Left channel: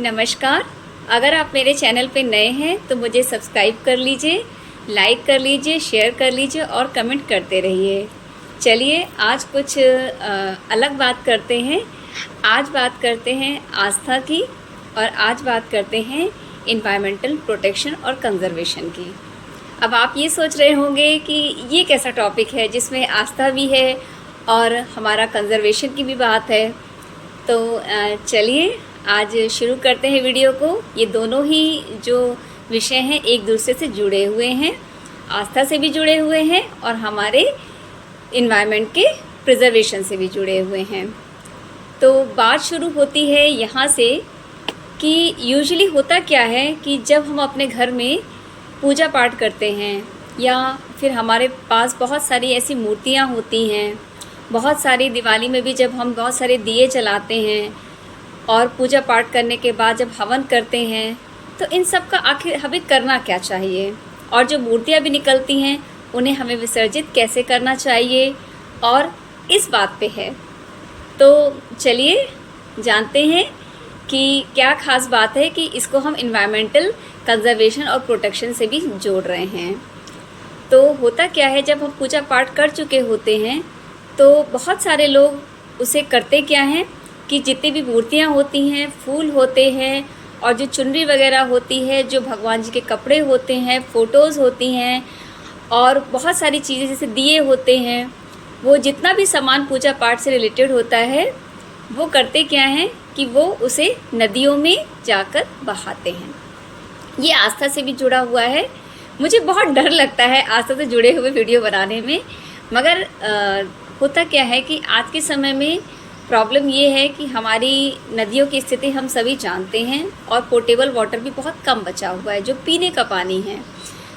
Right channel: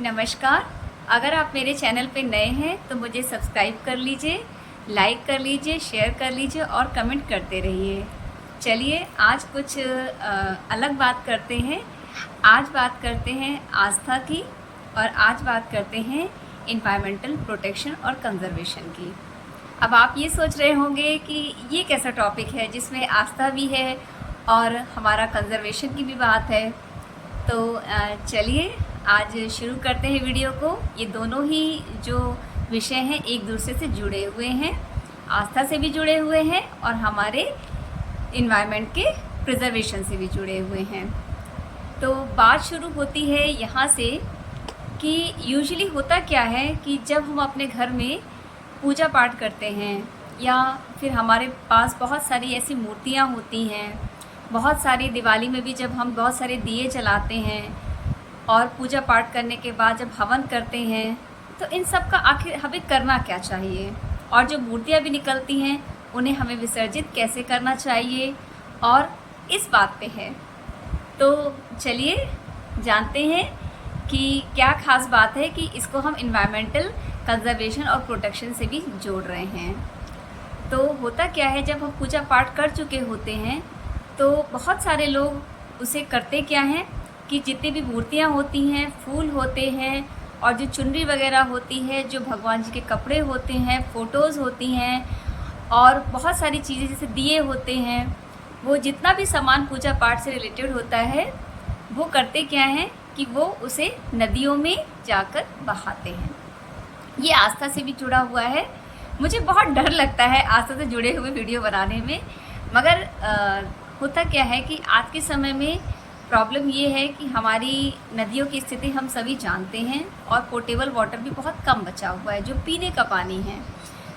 नमस्कार। अगर आप मेरे चैनल पे नए हैं तो मुझे सब्सक्राइब कर लीजिए, लाइक कर लीजिए, शेयर कर लीजिए और कमेंट करते रहिए। चलिए आज कुछ अलग बात करते हैं। आज बात करते हैं आस्था की और आज बात करते हैं एनवायरमेंटल प्रोटेक्शन और कंजर्वेशन की। अब आप ये सोच रहे होंगे कि ये कैसा टॉपिक है जिसमें आस्था भी है और हमारा कंजर्वेशन की भी बात है। तो चलिए आज शुरू करते हैं वीडियो को। ये दोनों ही जो विषय हैं एक दूसरे से जुड़े हुए हैं, आस्था से भी जुड़े हुए हैं और हमारे इन्वायरमेंट के प्रिजर्वेशन से भी जुड़े हुए हैं। तो बात शुरू होती है यहाँ से कि यूजुअली होता क्या है कि जब हम अपने घर में पूजा पाठ करते हैं या फिर हमारे पास बहुत सारी ऐसी मूर्तियाँ होती हैं, बहुत सारी दिवाली में भी जब हम बहुत सारे दिए जलाते हैं और पूजा पाठ करने के बाद जब हवन करते हैं तो इन सब का आखिर हमें करना क्या चाहिए, और जो मूर्तियाँ भी निकलती हैं उन्हें हमें विसर्जित कैसे करना चाहिए और इस बात पे है। तो चलिए जानते हैं कि क्या ख़ास बात है कि इसको हम इन्वायरमेंटल कंजर्वेशन और प्रोटेक्शन से भी जोड़ रहे हैं। तो होता क्या है, जब हम पूजा पाठ कर चुके होते हैं तो बहुत सारे लोग उसे करते क्या हैं कि जितनी भी मूर्तियाँ होती हैं, फूल होते हैं और जो चुनरी वगैरह होती है, जो भगवान जी के कपड़े होते हैं, फ़ोटोज़ होती हैं और बहुत सारी चीज़ें जैसे दिए होते हैं, वो जितना भी सामान पूजा पाठ से रिलेटेड होता है वो करते क्या हैं कि वो उसे नदियों में जाकर बहाते हैं। ये आस्था से भी जुड़ा हुआ है। मुझे बहुत डर लगता है आस्था से जुड़े हुए वीडियो बनाने में, मगर होता क्या है कि आज के समय में प्रॉब्लम ये है कि हमारी नदियों की स्थिति हम सभी जानते हैं और पोर्टेबल वाटर भी बहुत कम बचा हुआ है। जो पीने का पानी है,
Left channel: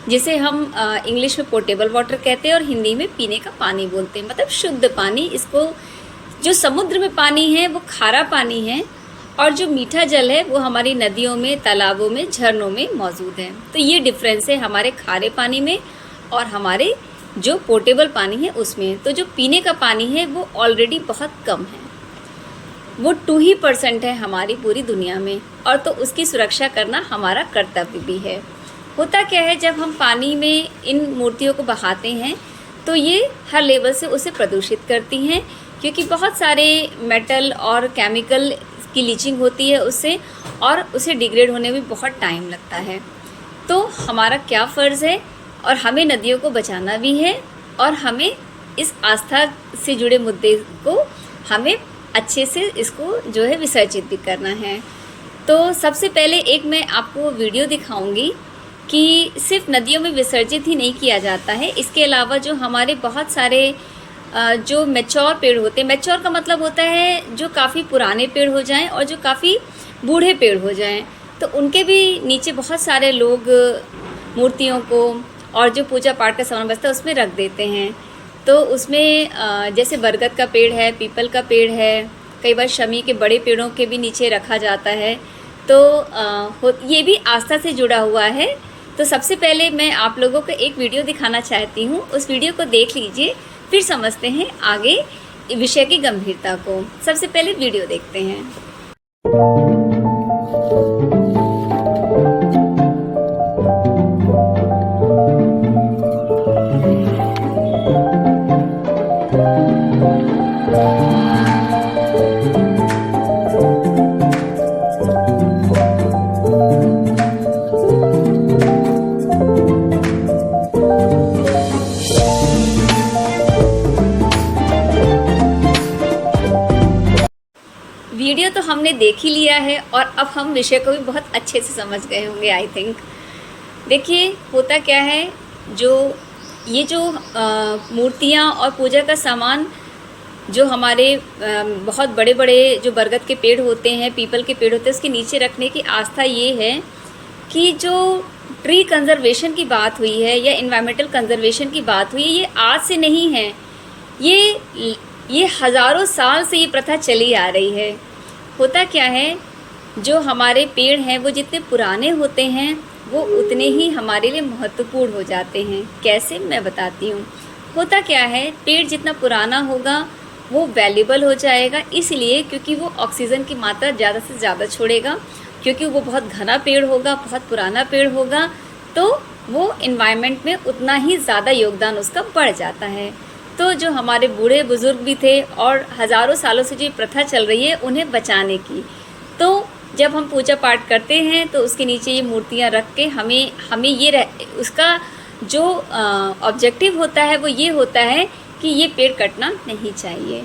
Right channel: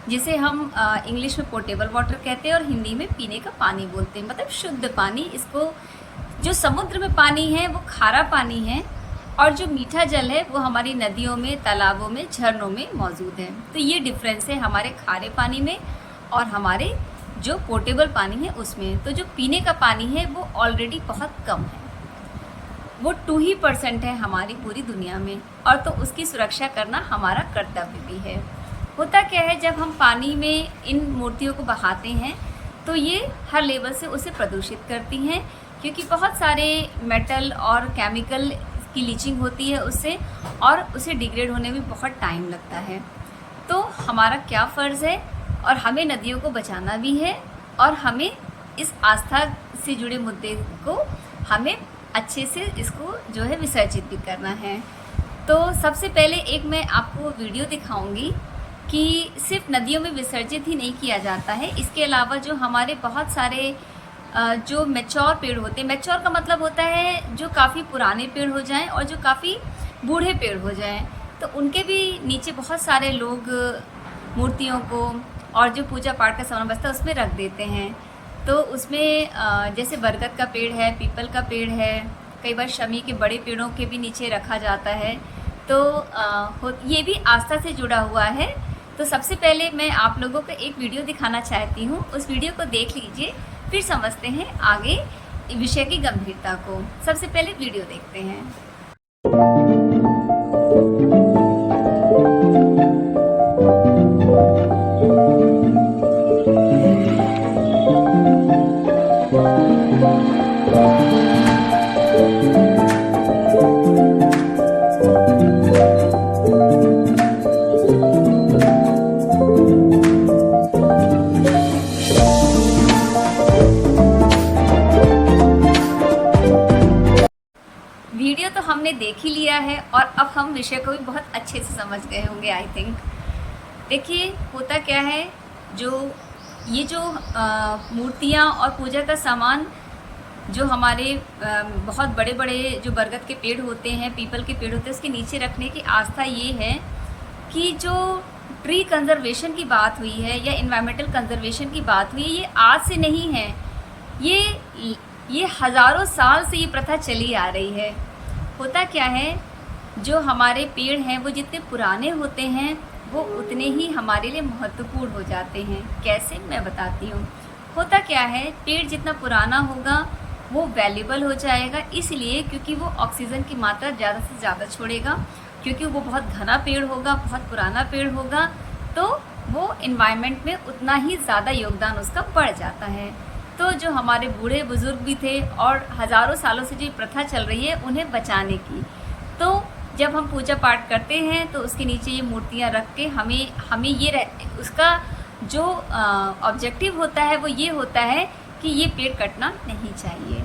जिसे हम इंग्लिश में पोर्टेबल वाटर कहते हैं और हिंदी में पीने का पानी बोलते हैं, मतलब शुद्ध पानी। इसको जो समुद्र में पानी है वो खारा पानी है और जो मीठा जल है वो हमारी नदियों में, तालाबों में, झरनों में मौजूद है। तो ये डिफरेंस है हमारे खारे पानी में और हमारे जो पोर्टेबल पानी है उसमें। तो जो पीने का पानी है वो ऑलरेडी बहुत कम है, वो 2% है हमारी पूरी दुनिया में, और तो उसकी सुरक्षा करना हमारा कर्तव्य भी है। होता क्या है, जब हम पानी में इन मूर्तियों को बहाते हैं तो ये हर लेवल से उसे प्रदूषित करती हैं, क्योंकि बहुत सारे मेटल और केमिकल की लीचिंग होती है उससे, और उसे डिग्रेड होने में बहुत टाइम लगता है। तो हमारा क्या फ़र्ज़ है, और हमें नदियों को बचाना भी है और हमें इस आस्था से जुड़े मुद्दे को हमें अच्छे से इसको जो है विसर्जित भी करना है। तो सबसे पहले एक मैं आपको वीडियो दिखाऊंगी कि सिर्फ नदियों में विसर्जित ही नहीं किया जाता है, इसके अलावा जो हमारे बहुत सारे जो मैच्योर पेड़ होते हैं, मैच्योर का मतलब होता है जो काफ़ी पुराने पेड़ हो जाएं और जो काफ़ी बूढ़े पेड़ हो जाएं, तो उनके भी नीचे बहुत सारे लोग मूर्तियों को और जो पूजा पाठ का सामान बचता है उसमें रख देते हैं। तो उसमें जैसे बरगद का पेड़ है, पीपल का पेड़ है, कई बार शमी के बड़े पेड़ों के भी नीचे रखा जाता है। तो ये भी आस्था से जुड़ा हुआ है। तो सबसे पहले मैं आप लोगों को एक वीडियो दिखाना चाहती हूँ, उस वीडियो को देख लीजिए, फिर समझते हैं आगे विषय की गंभीरता को। सबसे पहले वीडियो देखते हैं। वीडियो तो हमने देख ही लिया है और अब हम विषय को भी बहुत अच्छे से समझ गए होंगे, आई थिंक। देखिए होता क्या है, ये जो मूर्तियाँ और पूजा का सामान जो हमारे बहुत बड़े बड़े जो बरगद के पेड़ होते हैं, पीपल के पेड़ होते हैं, उसके नीचे रखने की आस्था ये है कि जो ट्री कंजर्वेशन की बात हुई है या इन्वायरमेंटल कंजर्वेशन की बात हुई है, ये आज से नहीं है, ये हज़ारों साल से ये प्रथा चली आ रही है। होता क्या है, जो हमारे पेड़ हैं वो जितने पुराने होते हैं वो उतने ही हमारे लिए महत्वपूर्ण हो जाते हैं। कैसे, मैं बताती हूँ। होता क्या है, पेड़ जितना पुराना होगा वो वैल्यूबल हो जाएगा, इसलिए क्योंकि वो ऑक्सीजन की मात्रा ज़्यादा से ज़्यादा छोड़ेगा, क्योंकि वो बहुत घना पेड़ होगा, बहुत पुराना पेड़ होगा, तो वो इन्वायरमेंट में उतना ही ज़्यादा योगदान उसका बढ़ जाता है। तो जो हमारे बूढ़े बुजुर्ग भी थे और हज़ारों सालों से जो प्रथा चल रही है उन्हें बचाने की, तो जब हम पूजा पाठ करते हैं तो उसके नीचे ये मूर्तियाँ रख के हमें ये उसका जो ऑब्जेक्टिव होता है वो ये होता है कि ये पेड़ कटना नहीं चाहिए।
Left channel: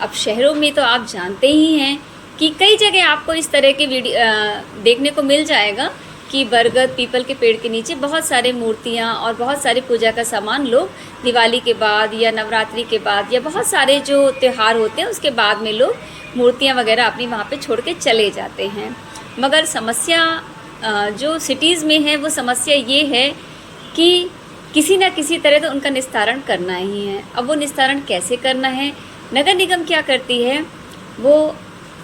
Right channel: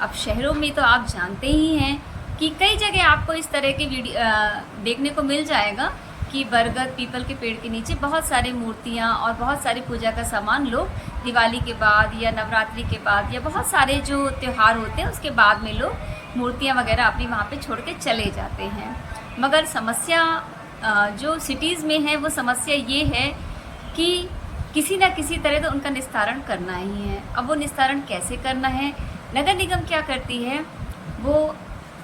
अब शहरों में तो आप जानते ही हैं कि कई जगह आपको इस तरह के वीडियो देखने को मिल जाएगा कि बरगद पीपल के पेड़ के नीचे बहुत सारे मूर्तियाँ और बहुत सारे पूजा का सामान लोग दिवाली के बाद या नवरात्रि के बाद या बहुत सारे जो त्यौहार होते हैं उसके बाद में लोग मूर्तियाँ वगैरह अपनी वहाँ पे छोड़ के चले जाते हैं। मगर समस्या जो सिटीज़ में है वो समस्या ये है कि किसी ना किसी तरह तो उनका निस्तारण करना ही है। अब वो निस्तारण कैसे करना है, नगर निगम क्या करती है, वो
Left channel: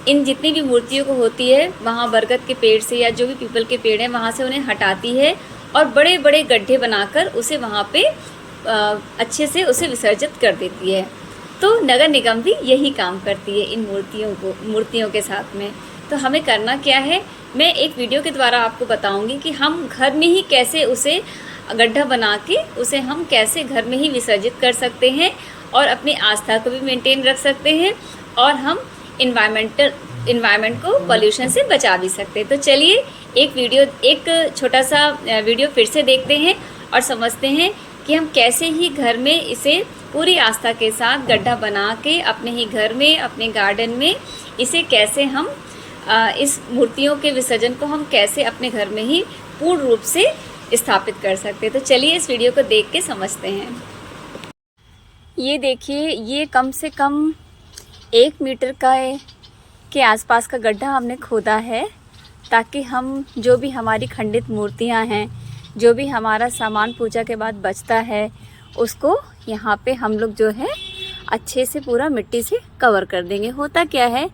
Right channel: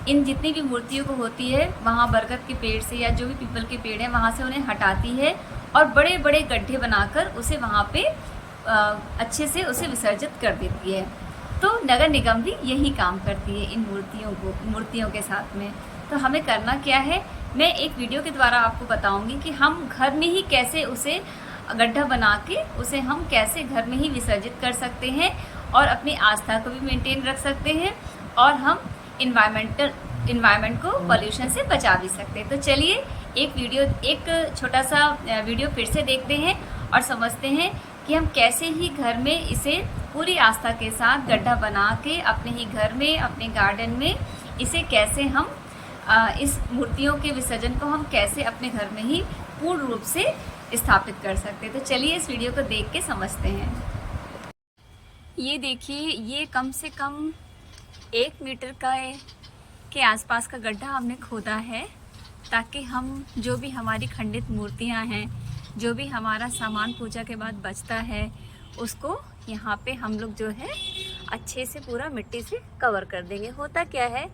इन जितनी भी मूर्तियों को होती है वहाँ बरगद के पेड़ से या जो भी पीपल के पेड़ हैं वहाँ से उन्हें हटाती है और बड़े बड़े गड्ढे बनाकर उसे वहाँ पे अच्छे से उसे विसर्जित कर देती है। तो नगर निगम भी यही काम करती है इन मूर्तियों के साथ में। तो हमें करना क्या है, मैं एक वीडियो के द्वारा आपको बताऊंगी कि हम घर में ही कैसे उसे गड्ढा बना के उसे हम कैसे घर में ही विसर्जित कर सकते हैं और अपनी आस्था को भी मेंटेन रख सकते हैं और हम इन्वायरमेंट को पॉल्यूशन से बचा भी सकते हैं। तो चलिए एक छोटा सा वीडियो फिर से देखते हैं और समझते हैं कि हम कैसे ही घर में इसे पूरी आस्था के साथ गड्ढा बना के अपने ही घर में अपने गार्डन में इसे कैसे हम इस मूर्तियों के विसर्जन को हम कैसे अपने घर में ही पूर्ण रूप से स्थापित कर सकते हैं। तो चलिए इस वीडियो को देख के समझते हैं। ये देखिए, ये कम से कम 1 मीटर के आसपास का गड्ढा हमने खोदा है ताकि हम जो भी हमारी खंडित मूर्तियां हैं, जो भी हमारा सामान पूजा के बाद बचता है, उसको यहाँ पे हम लोग जो है अच्छे से पूरा मिट्टी से कवर कर देंगे। होता क्या है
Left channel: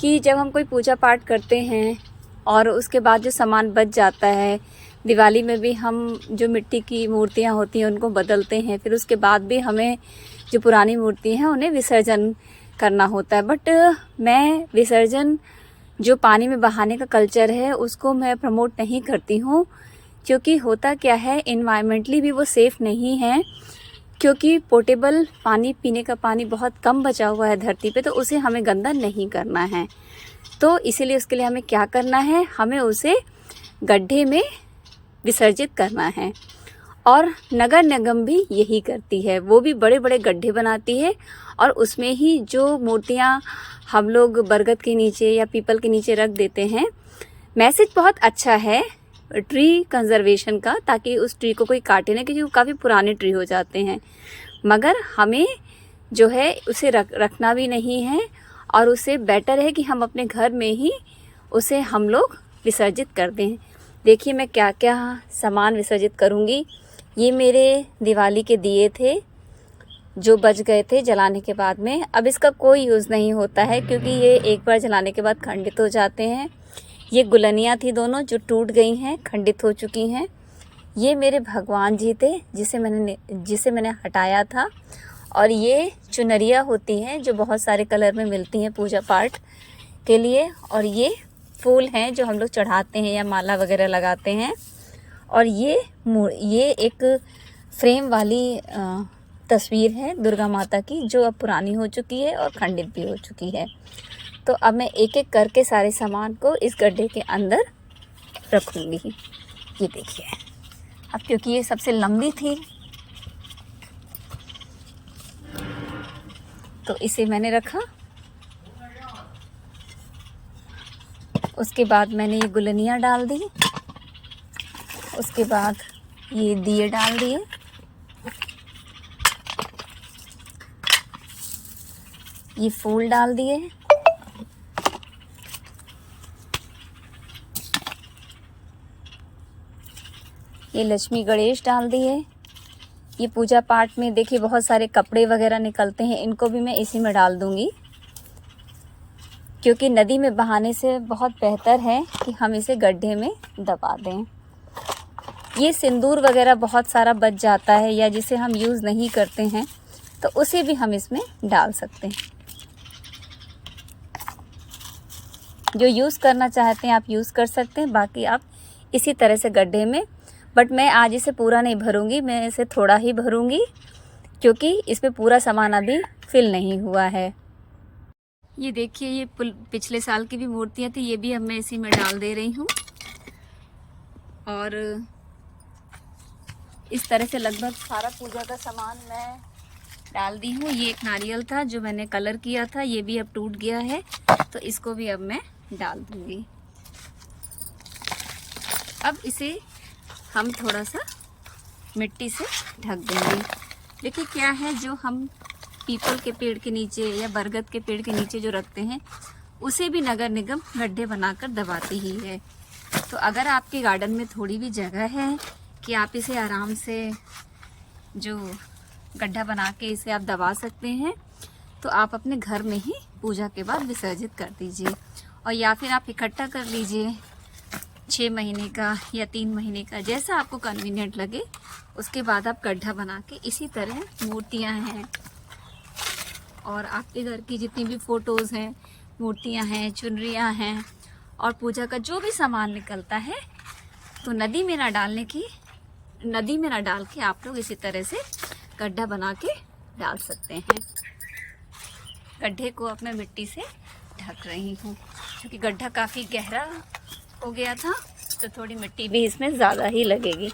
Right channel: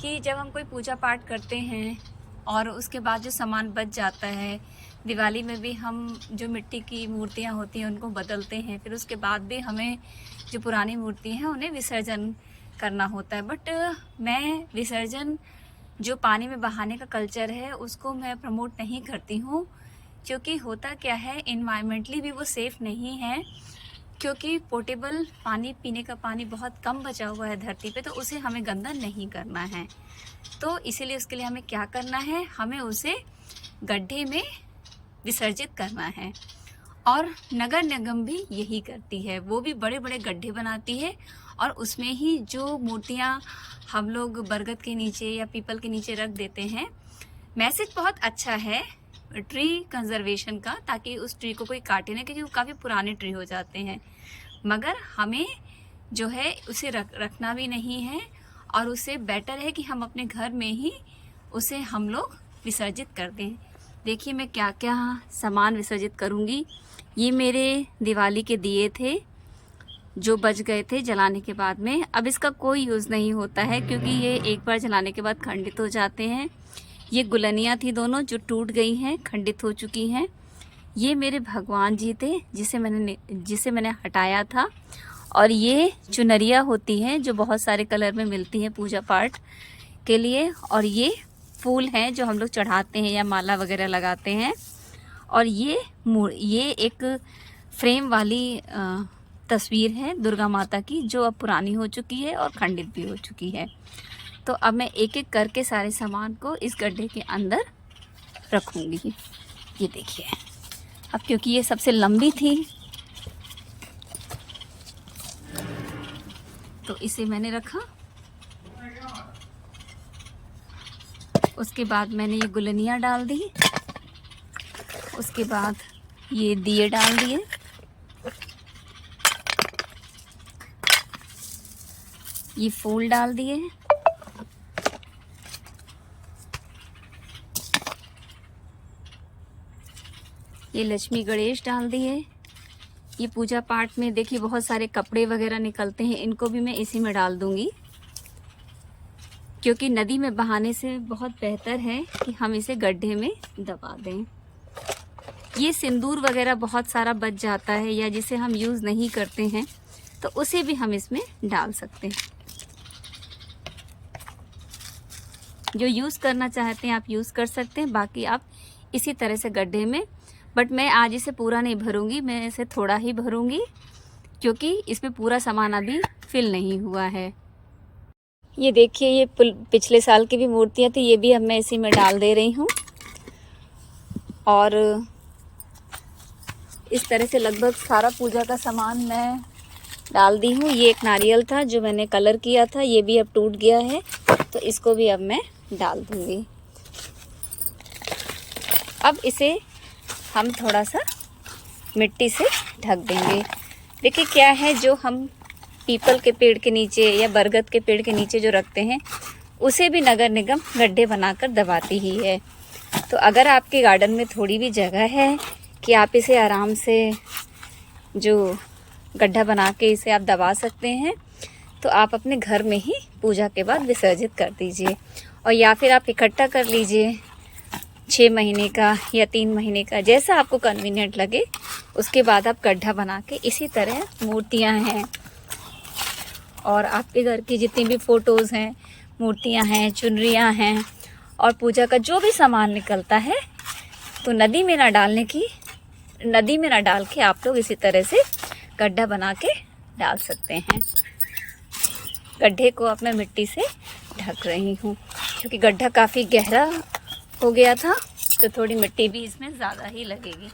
कि जब हम कोई पूजा पाठ करते हैं और उसके बाद जो सामान बच जाता है, दिवाली में भी हम जो मिट्टी की मूर्तियाँ होती हैं उनको बदलते हैं, फिर उसके बाद भी हमें जो पुरानी मूर्ति हैं उन्हें विसर्जन करना होता है। बट मैं विसर्जन जो पानी में बहाने का कल्चर है उसको मैं प्रमोट नहीं करती हूँ, क्योंकि होता क्या है इन्वायरमेंटली भी वो सेफ़ नहीं है, क्योंकि पोर्टेबल पानी पीने का पानी बहुत कम बचा हुआ है धरती पे, तो उसे हमें गंदा नहीं करना है। तो इसीलिए उसके लिए हमें क्या करना है, हमें उसे गड्ढे में विसर्जित करना है और नगर निगम भी यही करती है। वो भी बड़े बड़े गड्ढे बनाती है और उसमें ही जो मूर्तियाँ हम लोग बरगद के नीचे या पीपल के नीचे रख देते हैं। मैसेज बहुत अच्छा है ट्री कंजर्वेशन का, ताकि उस ट्री को कोई काटे ना, क्योंकि वो काफ़ी पुराने ट्री हो जाते हैं। मगर हमें जो है उसे रखना भी नहीं है और उससे बेटर है कि हम अपने घर में ही उसे हम लोग विसर्जित कर दें। देखिए मैं क्या क्या सामान विसर्जित करूँगी। ये मेरे दिवाली के दिए थे जो बच गए थे जलाने के बाद में। अब इसका कोई यूज़ नहीं होता है क्योंकि ये एक बार जलाने के बाद खंडित हो जाते हैं। ये गुलनियाँ थी दोनों जो टूट गई हैं, खंडित हो चुकी हैं। ये मेरे भगवान जी थे जिसे मैंने हटाया था। और ये चुनरिया होती हैं जो बहुत सारे कलर में मिलती हैं पूजा पाठ के लिए। और ये फूल हैं जो हम लोग चढ़ाते हैं या माला वगैरह लगाते हैं। और ये एक फ्रेम वाली तस्वीर है दुर्गा माता की जो अब पुरानी हो चुकी है और खंडित भी हो चुकी है। तो अब मैं एक एक करके सारे सामान को इस गड्ढे के अंदर रखूँगी। ये देखिए, अब क्योंकि ये सबसे लंबी थी तो इसे मैंने रखा। उसके बाद मैंने ये गुलनियाँ डाल दी, उसके बाद ये दिए डाल दिए, ये फूल डाल दिए, ये लक्ष्मी गणेश डाल दिए। ये पूजा पाठ में देखिए बहुत सारे कपड़े वगैरह निकलते हैं, इनको भी मैं इसी में डाल दूंगी, क्योंकि नदी में बहाने से बहुत बेहतर है कि हम इसे गड्ढे में दबा दें। ये सिंदूर वगैरह बहुत सारा बच जाता है या जिसे हम यूज़ नहीं करते हैं तो उसे भी हम इसमें डाल सकते हैं। जो यूज़ करना चाहते हैं आप यूज़ कर सकते हैं, बाकी आप इसी तरह से गड्ढे में, बट मैं आज इसे पूरा नहीं भरूंगी, मैं इसे थोड़ा ही भरूंगी क्योंकि इसमें पूरा सामान अभी फिल नहीं हुआ है। ये देखिए, ये पिछले साल की भी मूर्तियाँ थी, ये भी अब मैं इसी में डाल दे रही हूँ। और इस तरह से लगभग सारा पूजा का सामान मैं डाल दी हूँ। ये एक नारियल था जो मैंने कलर किया था, ये भी अब टूट गया है, तो इसको भी अब मैं डाल दूँगी। अब इसे हम थोड़ा सा मिट्टी से ढक देंगे। देखिए क्या है, जो हम पीपल के पेड़ के नीचे या बरगद के पेड़ के नीचे जो रखते हैं उसे भी नगर निगम गड्ढे बनाकर दबाती ही है। तो अगर आपके गार्डन में थोड़ी भी जगह है कि आप इसे आराम से जो गड्ढा बना के इसे आप दबा सकते हैं, तो आप अपने घर में ही पूजा के बाद विसर्जित कर दीजिए। और या फिर आप इकट्ठा कर लीजिए 6 महीने का या 3 महीने का, जैसा आपको कन्वीनियंट लगे। उसके बाद आप गड्ढा बना के इसी तरह मूर्तियां हैं और आपके घर की जितनी भी फ़ोटोज़ हैं, मूर्तियां हैं, चुनरियां हैं और पूजा का जो भी सामान निकलता है, तो नदी में ना डाल के आप लोग इसी तरह से गड्ढा बना के डाल सकते हैं। गड्ढे को अब मैं मिट्टी से ढक रही हूँ क्योंकि गड्ढा काफ़ी गहरा हो गया था, तो थोड़ी मिट्टी भी इसमें ज़्यादा ही लगेगी।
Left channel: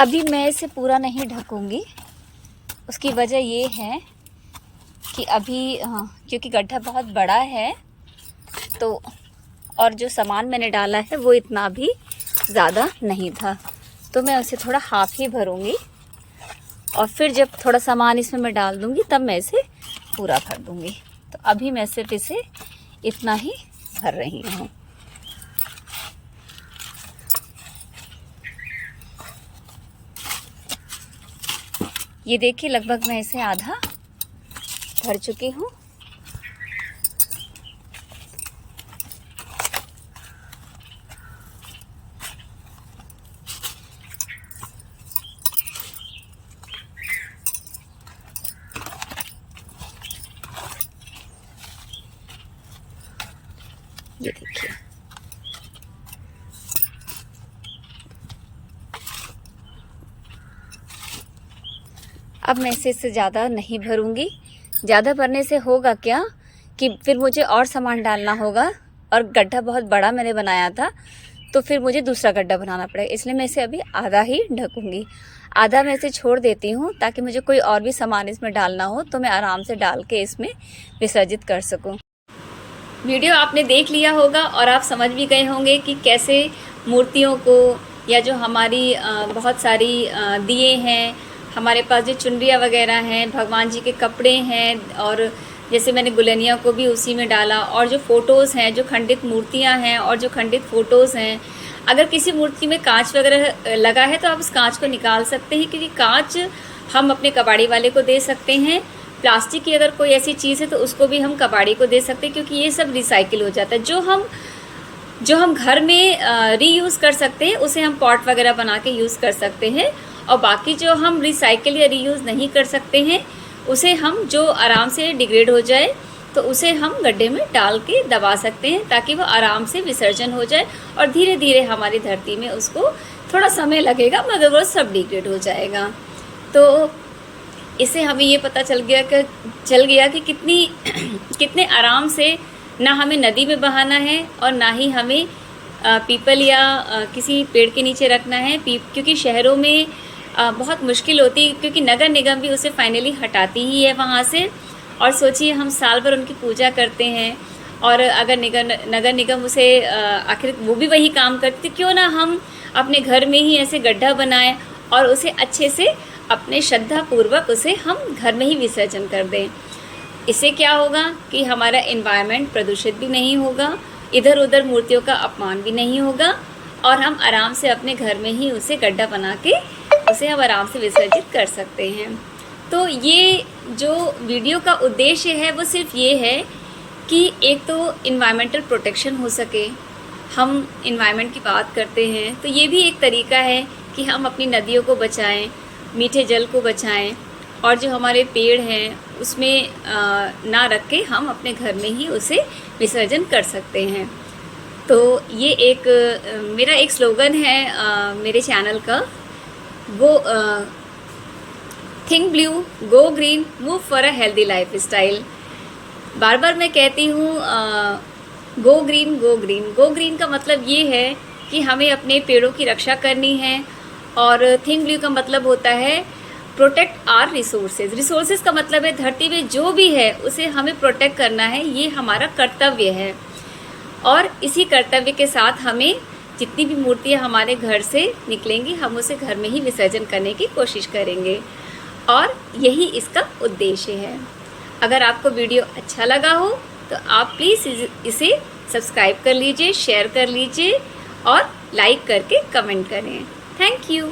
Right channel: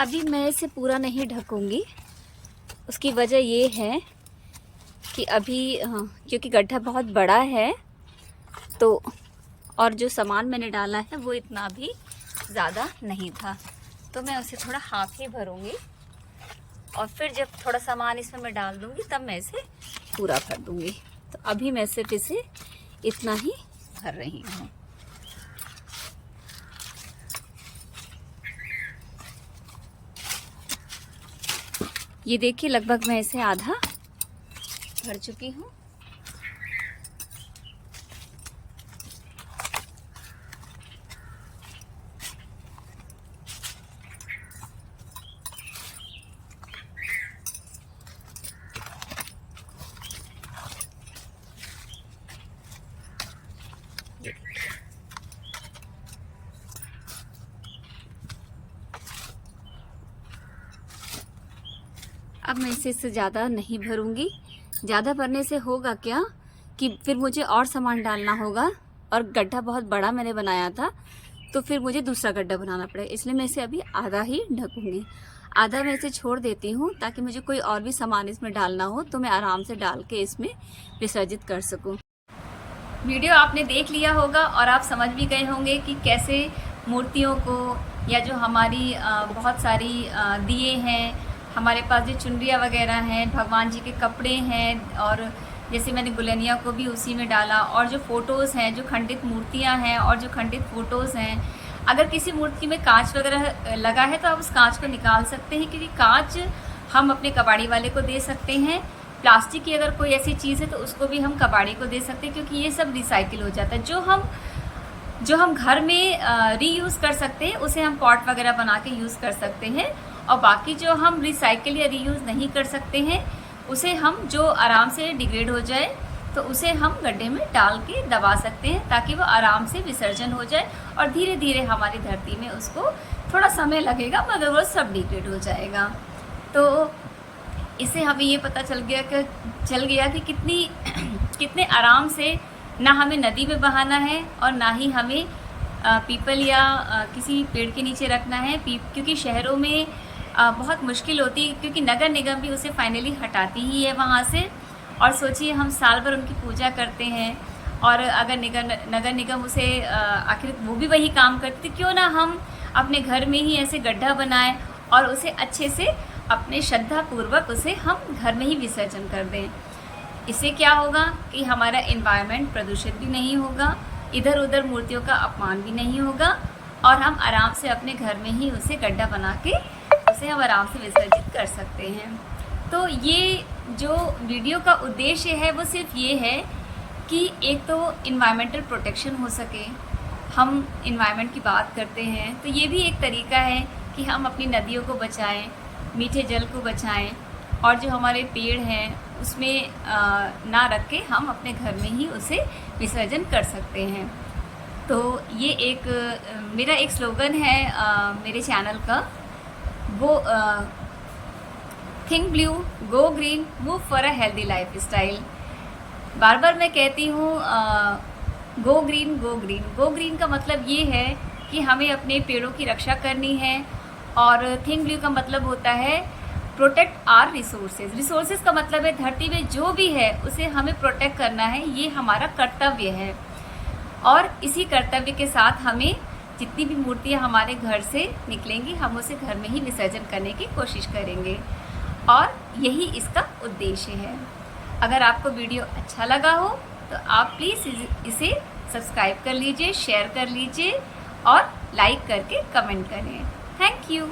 अभी मैं इसे पूरा नहीं ढकूंगी, उसकी वजह ये है कि अभी क्योंकि गड्ढा बहुत बड़ा है, तो और जो सामान मैंने डाला है वो इतना भी ज़्यादा नहीं था, तो मैं उसे थोड़ा हाफ ही भरूंगी और फिर जब थोड़ा सामान इसमें मैं डाल दूंगी तब मैं इसे पूरा भर दूंगी। तो अभी मैं सिर्फ इसे इतना ही भर रही हूँ। ये देखिए, लगभग मैं इसे आधा भर चुकी हूँ। ये देखिए, अब मैं इसे इससे ज़्यादा नहीं भरूंगी। ज़्यादा भरने से होगा क्या कि फिर मुझे और सामान डालना होगा और गड्ढा बहुत बड़ा मैंने बनाया था, तो फिर मुझे दूसरा गड्ढा बनाना पड़ेगा। इसलिए मैं इसे अभी आधा ही ढकूंगी, आधा मैं इसे छोड़ देती हूँ ताकि मुझे कोई और भी सामान इसमें डालना हो तो मैं आराम से डाल के इसमें विसर्जित कर सकूँ। वीडियो आपने देख लिया होगा और आप समझ भी गए होंगे कि कैसे मूर्तियों को या जो हमारी बहुत सारी दिए हैं, हमारे पास जो चुनरियाँ वगैरह हैं, भगवान जी के कपड़े हैं, और जैसे मैंने गुलनिया को भी उसी में डाला, और जो फ़ोटोज़ हैं, जो खंडित मूर्तियाँ हैं और जो खंडित फ़ोटोज़ हैं, अगर किसी मूर्ति में कांच वगैरह लगा है तो आप उस कांच को निकाल सकते हैं, क्योंकि कांच हम अपने कबाड़ी वाले को दे सकते हैं। प्लास्टिक की अगर कोई ऐसी चीज़ है तो उसको भी हम कबाड़ी को दे सकते हैं, क्योंकि ये सब रिसाइकिल हो जाता है। जो हम घर में रीयूज़ कर सकते हैं उसे हम पॉट वगैरह बना के यूज़ कर सकते हैं, और बाकी जो हम रिसाइकिल या रीयूज़ नहीं कर सकते हैं उसे हम, जो आराम से डिग्रेड हो जाए, तो उसे हम गड्ढे में डाल के दबा सकते हैं ताकि वो आराम से विसर्जन हो जाए, और धीरे धीरे हमारी धरती में उसको थोड़ा समय लगेगा मगर वो सब डिग्रेड हो जाएगा। तो इससे हमें ये पता चल गया कि कितने आराम से ना हमें नदी में बहाना है और ना ही हमें पीपल या किसी पेड़ के नीचे रखना है, क्योंकि शहरों में बहुत मुश्किल होती है, क्योंकि नगर निगम भी उसे फाइनली हटाती ही है वहाँ से। और सोचिए, हम साल भर उनकी पूजा करते हैं और अगर नगर निगम उसे आखिर वो भी वही काम करती, क्यों ना हम अपने घर में ही ऐसे गड्ढा बनाएं और उसे अच्छे से अपने श्रद्धा पूर्वक उसे हम घर में ही विसर्जन कर दें। इससे क्या होगा कि हमारा एनवायरनमेंट प्रदूषित भी नहीं होगा, इधर उधर मूर्तियों का अपमान भी नहीं होगा, और हम आराम से अपने घर में ही उसे गड्ढा बना के उसे हम आराम से विसर्जित कर सकते हैं। तो ये जो वीडियो का उद्देश्य है वो सिर्फ ये है कि एक तो इन्वायरमेंटल प्रोटेक्शन हो सके। हम इन्वायरमेंट की बात करते हैं तो ये भी एक तरीका है कि हम अपनी नदियों को बचाएं, मीठे जल को बचाएं, और जो हमारे पेड़ हैं उसमें ना रख के हम अपने घर में ही उसे विसर्जन कर सकते हैं। तो ये एक मेरा एक स्लोगन है मेरे चैनल का, go think blue, go green, move for a healthy lifestyle. बार बार मैं कहती हूँ go green, go green. Go green का मतलब ये है कि हमें अपने पेड़ों की रक्षा करनी है, और थिंक ब्लू का मतलब होता है प्रोटेक्ट आर रिसोर्सेज। रिसोर्सेज का मतलब है धरती में जो भी है उसे हमें प्रोटेक्ट करना है, ये हमारा कर्तव्य है। और इसी कर्तव्य के साथ हमें जितनी भी मूर्तियाँ हमारे घर से निकलेंगी हम उसे घर में ही विसर्जन करने की कोशिश करेंगे, और यही इसका उद्देश्य है। अगर आपको वीडियो अच्छा लगा हो तो आप प्लीज़ इसे सब्सक्राइब कर लीजिए, शेयर कर लीजिए और लाइक करके कमेंट करें। Thank you.